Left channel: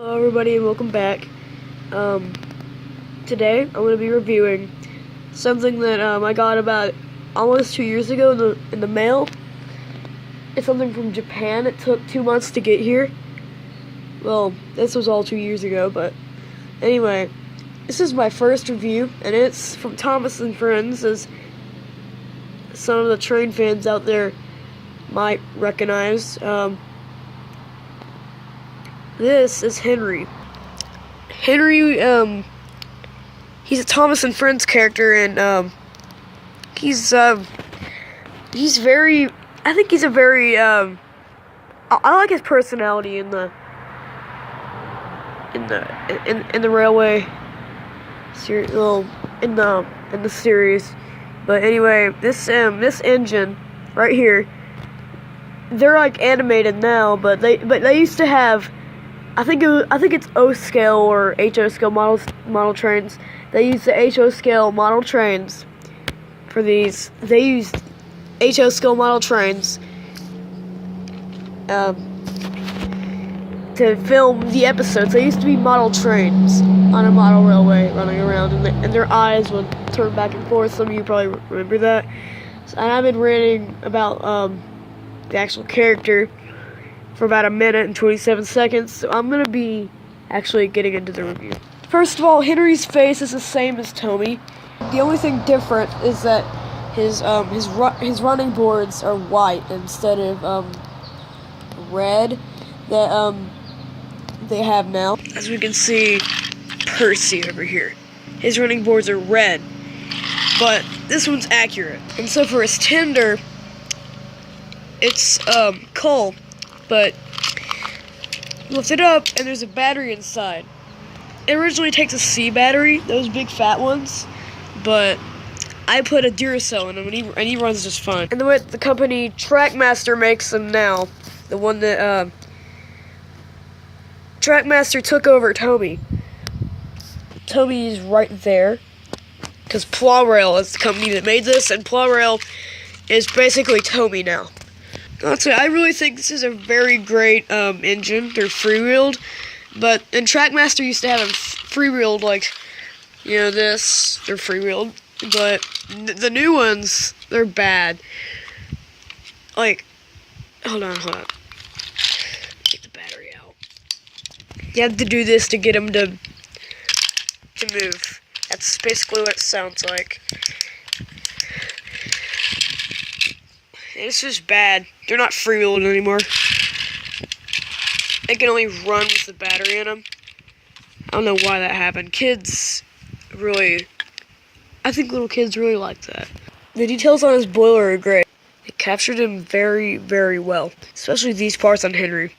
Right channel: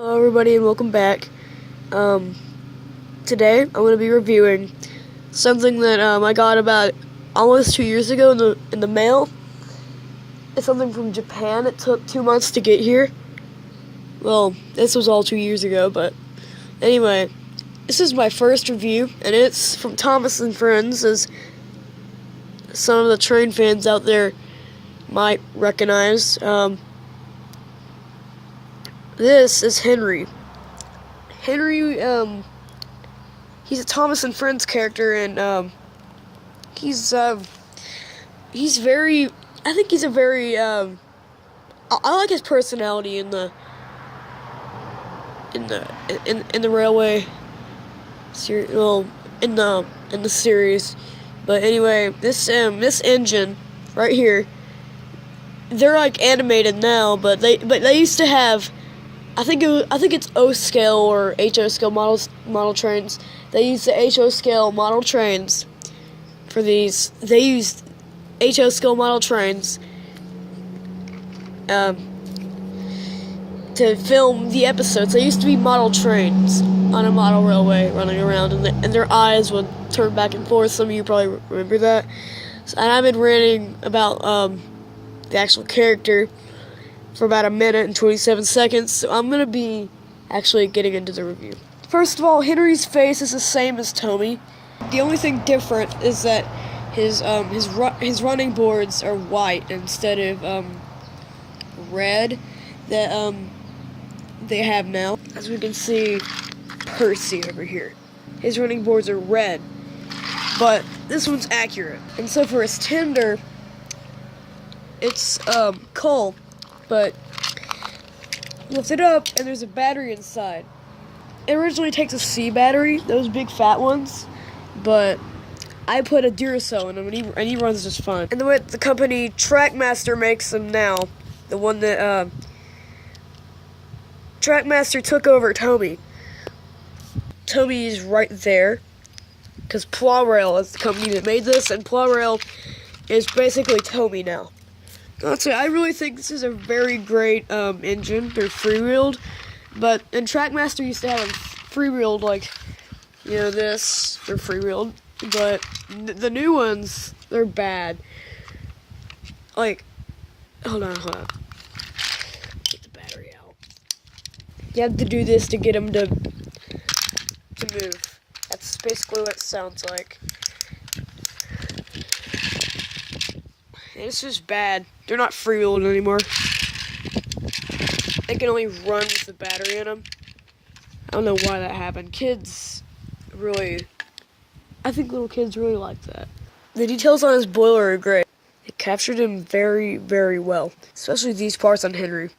Hello everybody and welcome back. Today I'm going to be reviewing something that I got about almost 2 years ago in the mail. It's something from Japan. It took 2 months to get here. Well, this was all 2 years ago, but anyway, this is my first review, and it's from Thomas and Friends, as some of the train fans out there might recognize. This is Henry. Henry, he's a Thomas and Friends character, and he's very. I think he's a very. I like his personality in the railway series. Well, in the series, but anyway, this engine right here. They're like animated now, but they used to have. I think it's O scale or HO scale model trains. They use the HO scale model trains for these. They used HO scale model trains to film the episodes. They used to be model trains on a model railway running around, and their eyes would turn back and forth. Some of you probably remember that. And I've been ranting about the actual character for about 1 minute and 27 seconds, so I'm going to be actually getting into the review. First of all, Henry's face is the same as Tommy. The only thing different is that his running boards are white instead of red that they have now. As we can see, Percy over here, his running boards are red, but this one's accurate. And so for his tender, it's coal. But lift it up, and there's a battery inside. It originally takes a C battery, those big fat ones, but I put a Duracell in him, and he runs just fine. And the way the company Trackmaster makes them now, the one that Trackmaster took over Tommy. Tommy is right there, because Plarail is the company that made this, and Plarail is basically Tommy now. Honestly, I really think this is a very great engine. They're freewheeled, and Trackmaster used to have them freewheeled, like, you know, this. They're freewheeled, but the new ones, they're bad. Like, hold on. Get the battery out. You have to do this to get them to move. That's basically what it sounds like. It's just bad. They're not freewheeled anymore. They can only run with the battery in them. I don't know why that happened. I think little kids really like that. The details on his boiler are great. They captured him very, very well. Especially these parts on Henry.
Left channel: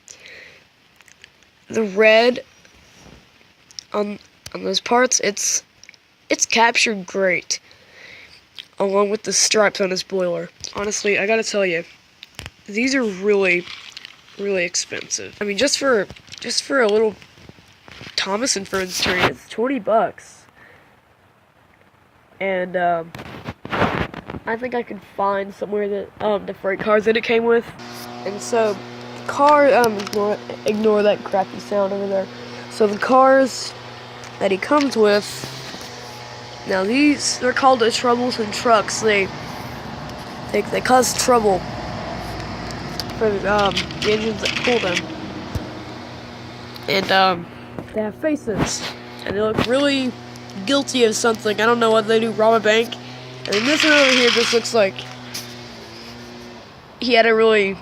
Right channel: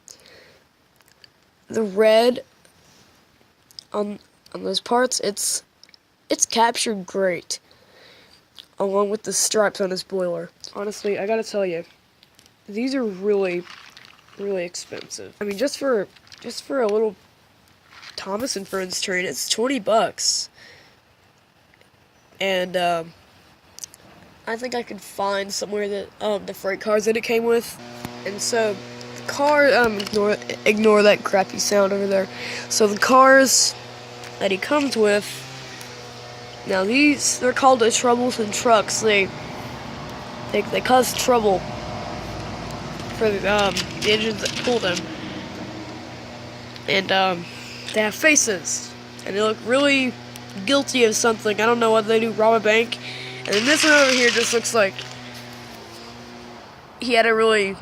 The red on those parts, it's captured great, along with the stripes on his boiler. Honestly, I gotta tell you, these are really, really expensive. I mean, just for a little Thomas and Friends train, it's $20. And I think I could find somewhere that the freight cars that it came with. And so the car, ignore that crappy sound over there. So the cars that he comes with. Now they're called the troublesome trucks. They cause trouble for the engines that pull them. And they have faces, and they look really guilty of something. I don't know what they do, rob a bank. And then this one over here just looks like he had a really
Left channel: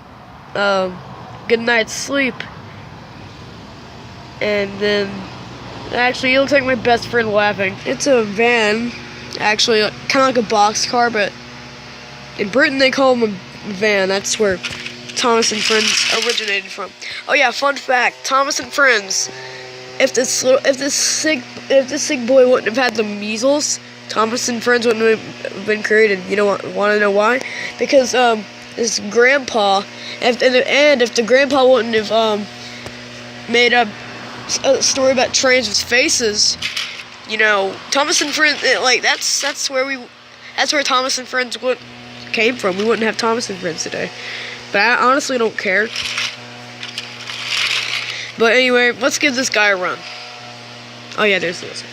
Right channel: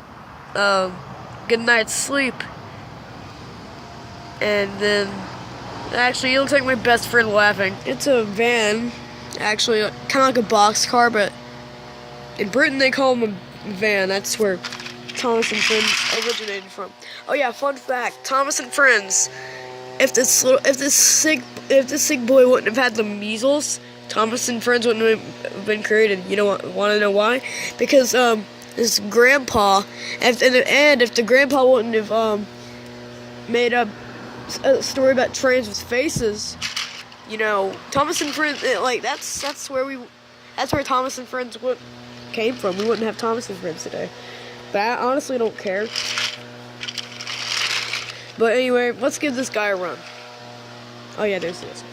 good night's sleep. And then actually, he looks like my best friend laughing. It's a van, actually, kind of like a box car, but in Britain they call them a van. That's where Thomas and Friends originated from. Oh yeah, fun fact: Thomas and Friends. If this sick boy wouldn't have had the measles, Thomas and Friends wouldn't have been created. You want to know why? Because his grandpa, if the grandpa wouldn't have made up a story about trains with faces, you know, Thomas and Friends, like that's where Thomas and Friends came from. We wouldn't have Thomas and Friends today. But I honestly don't care. But anyway, let's give this guy a run. Oh yeah, there's this.